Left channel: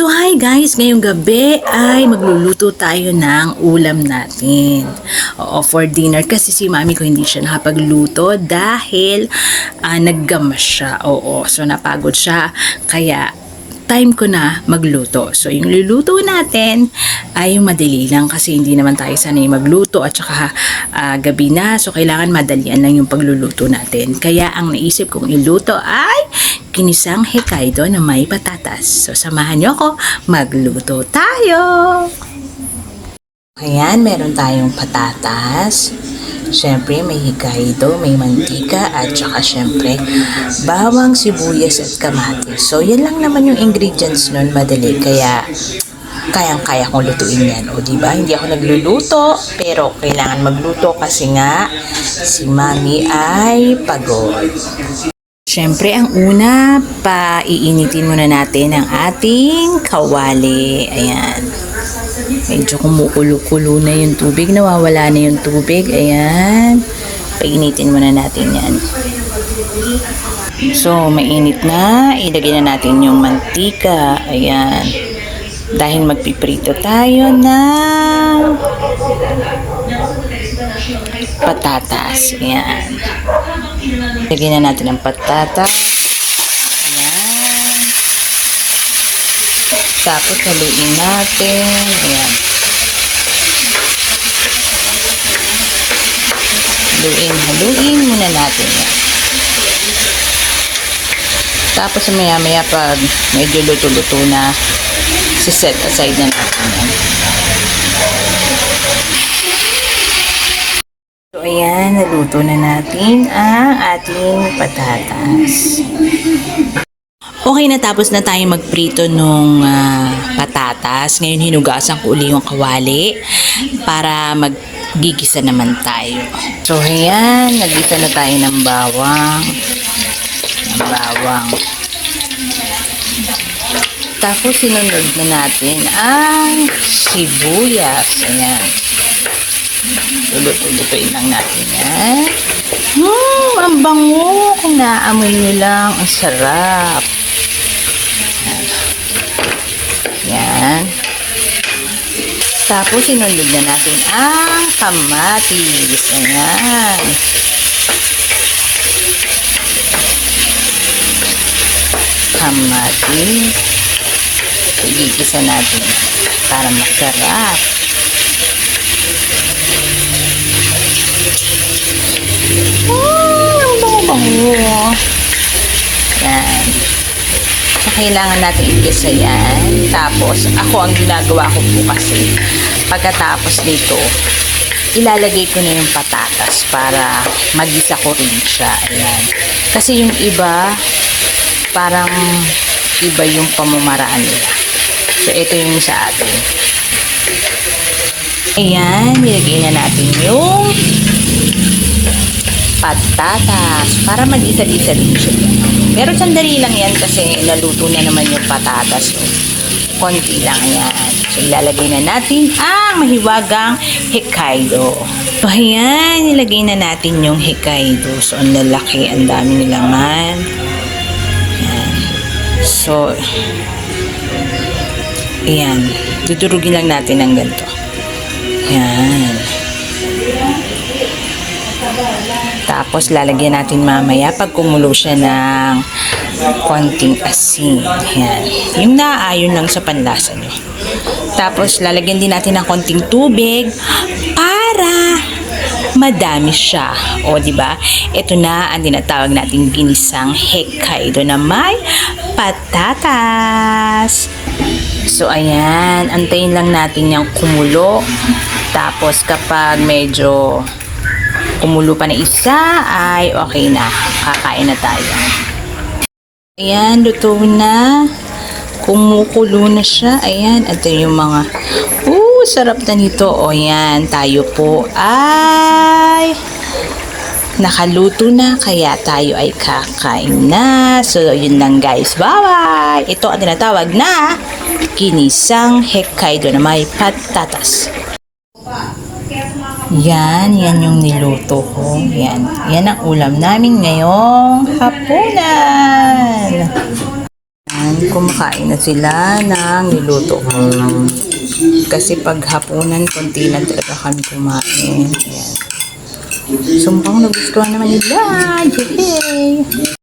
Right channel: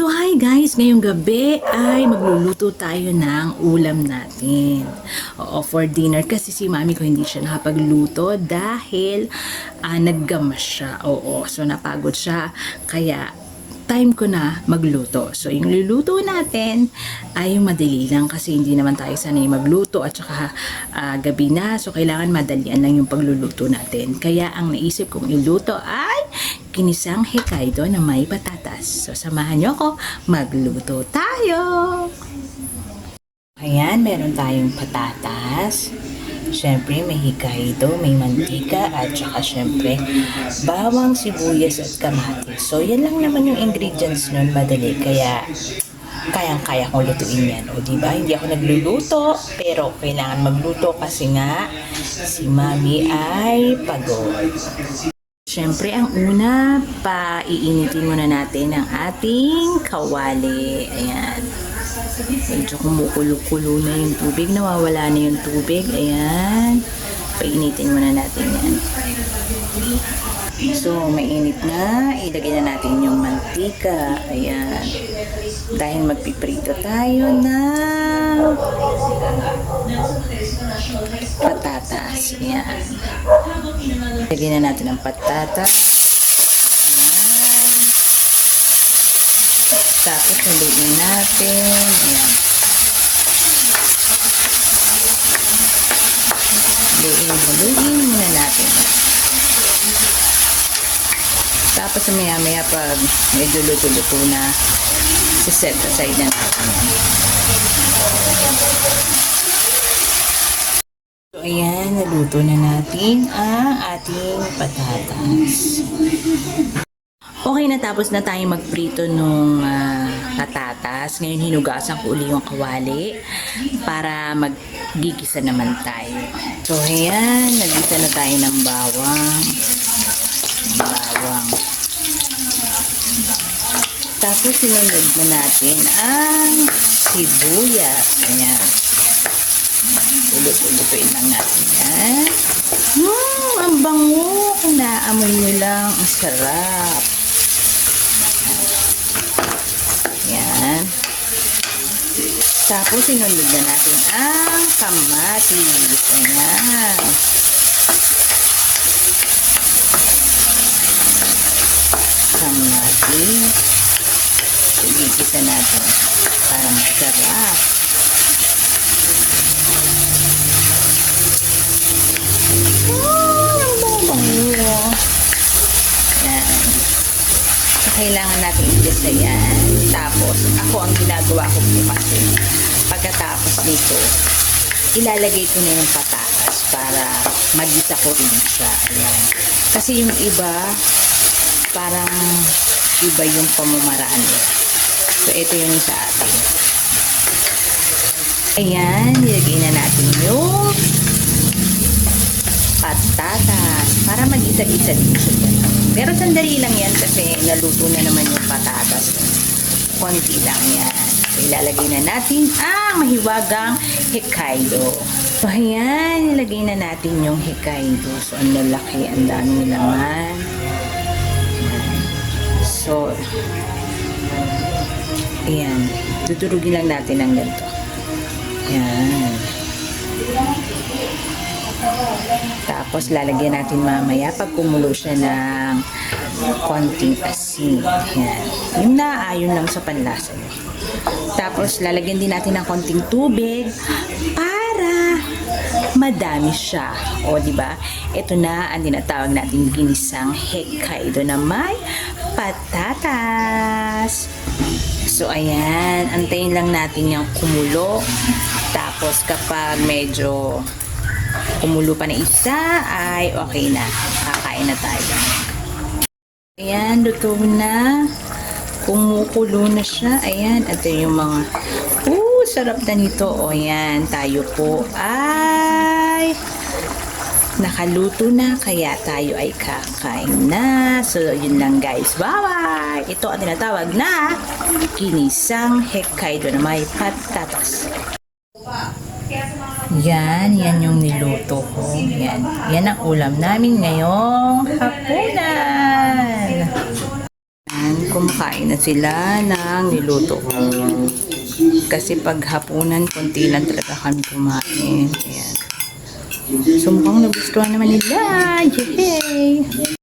So hi guys, ngayong gabi ay magluluto tayo ng ulam natin. Oo, for dinner kasi si mami ko hindi siya nakapagluto dahil naggamas siya. Oo, so napagod siya kaya time ko na magluto. So yung luluto natin ay yung madali lang kasi hindi naman tayo sanay magluto at saka gabi na. So kailangan madalian lang yung pagluluto natin. Kaya ang naisip kong iluto ay ginisang Hokkaido na may patatas. So samahan nyo ako, magluto tayo! Ayan, meron tayong patatas. Siyempre, may Hokkaido, may mantika, at saka siyempre, bawang, sibuyas, at kamatis. So, yan lang naman yung ingredients nun, madali. Kaya, kayang-kaya kong lutuin yan. O, diba? Hindi ako nagluluto, pero kailangan magluto kasi nga, si mami ay pagod. Siyempre, ang una, paiinitin muna natin ang ating kawali. Ayan. Medyo kumukulo-kulo na yung tubig. Nawawala na yung tubig. Ayan. Painitin muna natin yan. So, mainit na. Ilagay na natin yung mantika. Ayan. Dahil magpiprito tayo ng patatas. Ayan. Lagyan na natin ang patatas. Ayan. Tapos haluin natin. Ayan. Haluin muna natin yan. Tapos maya-maya pag medyo luto-luto na, siset aside na natin yan. So ayan, naluto na natin ang ating patatas. Okay, natapos na tayo magprito nung patatas. Ngayon hinugasan ko uli yung kawali para maggigisa naman tayo. So ayan, nagisa na tayo ng bawang. Tapos sinunod na natin ang sibuyas. Ayan. Ulut-ulutuin lang natin yan. Ang bango. Kung naamoy nyo lang, ang sarap. Yan. Tapos sinunod na natin ang kamatis. Ayan. Kamatis. Igigisa natin para masarap. Yan. So, kailangan natin igisa yan. Tapos, ako ang ginagawa ko po kasi, pagkatapos nito, ilalagay ko na yung patatas para magisa ko rin siya. Ayan. Kasi yung iba, parang iba yung pamamaraan nila. So, ito yung sa atin. Ayan, nilagay na natin yung patatas para mag-isa-isa rin siya. Pero sandali lang yan kasi naluto na naman yung patatas. Konti lang yan. So, ilalagay na natin ang mahiwagang Hokkaido. So, ayan, nilagay na natin yung Hokkaido. So, ang lalaki, ang dami nilaman. Ayan. So, ayan. Dudurugin lang natin ng ganito. Ayan. Tapos lalagyan natin mamaya pag kumulo siya ng konting asin. Yan. Yung naaayon lang sa panlasa nyo. Tapos lalagyan din natin ng konting tubig para madami siya. O di ba? Ito na ang tinatawag nating ginisang Hokkaido na may patatas. So ayan, antayin lang natin yung kumulo. Tapos kapag medyo kumulo pa na isa, ay okay na. Kakain na tayo. Ayan, luto na. Kumukulo na siya. Ayan, ito yung mga sarap na nito. O yan, tayo po ay nakaluto na. Kaya tayo ay kakain na. So, yun lang guys. Bye-bye! Ito ang tinatawag na ginisang Hokkaido na may patatas. Yan yung niluto ko. Yan ang ulam namin ngayong hapunan. Yan, kumakain na sila ng niluto ko. Kasi pag hapunan, konti lang talaga kami kumain. Ayan. So mukhang nagustuhan naman nila. Yay!